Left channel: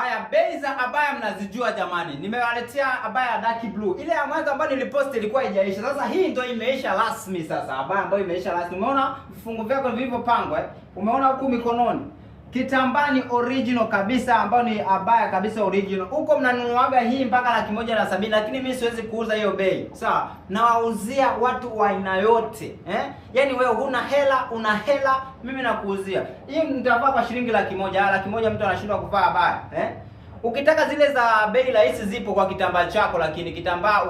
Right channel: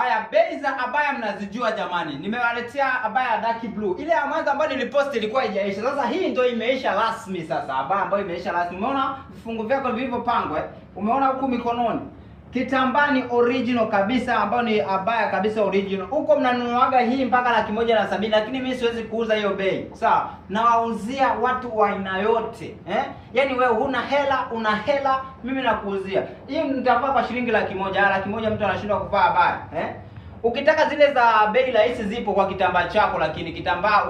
Haya, bei za abaya mnazijua jamani. Nimewaletea abaya dark blue. Ile ya mwanzo ambayo nilipost ilikuwa haijaisha. Sasa hii ndio imeisha rasmi sasa. Abaya ambayo imeisha rasmi. Umeona vifungo vyako vilivyopangwa eh? Umeona huku mikononi. Kitambaa ni original kabisa, ambayo ni abaya kabisa original. Huko mnanunuaga hii mpaka 170, lakini mimi siwezi kuuza hiyo bei. Sawa? Nawauzia watu wa aina yote, eh? Yaani wewe huna hela, una hela, mimi nakuuzia. Hii nitavaa kwa shilingi 100. 100 mtu anashindwa kuvaa abaya, eh? Ukitaka zile za bei rahisi zipo kwa kitambaa chako, lakini kitambaa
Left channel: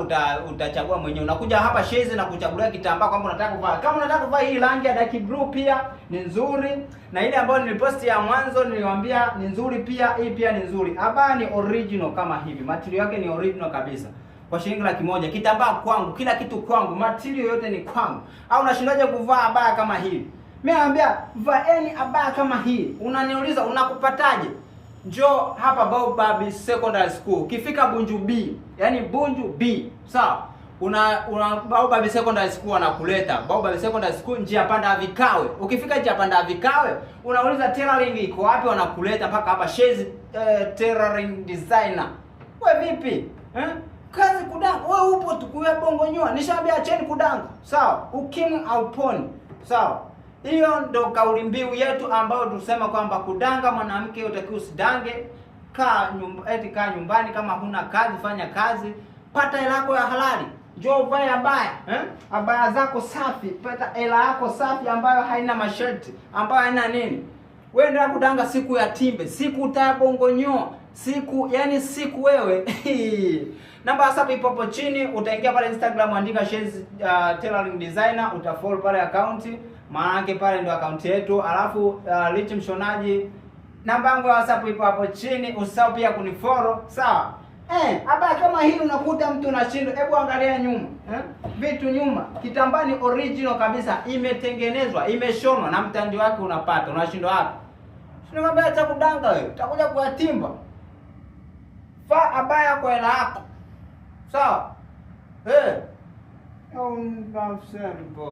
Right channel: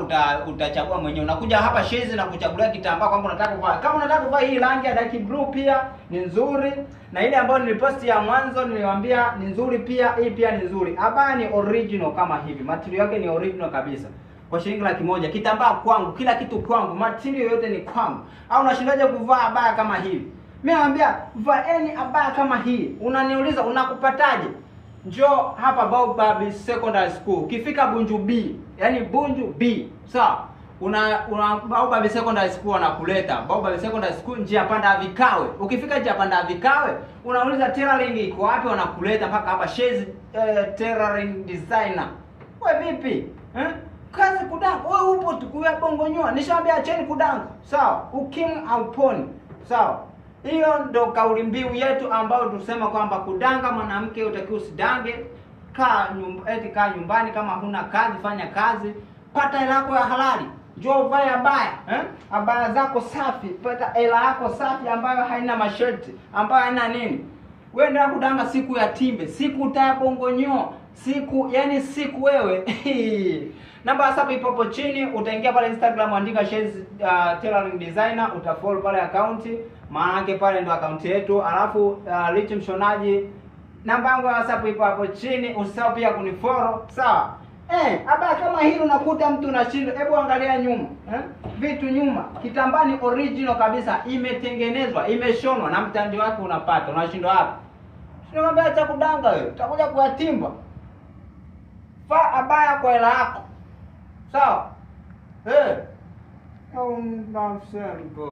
utachagua mwenyewe. Unakuja hapa Shezi na kuchagulia kitambaa kwamba unataka kuvaa. Kama unataka kuvaa hii rangi ya dark blue pia ni nzuri, na ile ambayo niliposti ya mwanzo niliwaambia ni nzuri pia, hii pia ni nzuri. Abaya ni original kama hivi. Material yake ni original kabisa. Kwa shilingi 100. Kitambaa kwangu, kila kitu kwangu, material yote ni kwangu. Au unashindaje kuvaa abaya kama hii? Mimi naambia vaeni abaya kama hii. Unaniuliza unakupataje? Njoo hapa Baobab Secondary School. Ukifika Bunju B, yani Bunju B, sawa? Una Baobab Secondary School anakuleta. Baobab Secondary School njia panda Vikawe. Ukifika njia panda Vikawe, unauliza tailoring iko wapi, wanakuleta mpaka hapa Shezi Tailoring Designer. Wewe vipi? Kazi kudanga. Wewe upo tukuya bongo nyoa. Nishaambia acheni kudanga. Sawa? Ukimwi hauponi. Sawa? Hiyo ndo kauli mbiu yetu ambayo tusema kwamba kudanga mwanamke utakiwa usidange. Kaa nyumbani, kama huna kazi fanya kazi, pata hela yako ya halali. Njoo uvae abaya, abaya zako safi, pata hela yako safi ambayo haina masharti, ambayo haina nini. Wewe ndio kudanga siku ya timbe, siku utayabongonyoa, siku wewe. Namba WhatsApp ipo hapo chini, utaingia pale Instagram andika Shezi Tailoring Designer, utafollow pale account, maana pale ndo account yetu, alafu Rich Mshonaji. Namba yangu ya WhatsApp ipo hapo chini, usisahau pia kunifollow, sawa? Abaya kama hili unakuta mtu unashinda, hebu angalia nyuma, vitu nyuma. Kitambaa ni original kabisa, imetengenezwa, imeshonwa na mtandi wake unapata. Unashindwa hapo. Sio abaya cha kudanga wewe, utakuja kuatimba. Vaa abaya kwa hela yako. Sawa? Au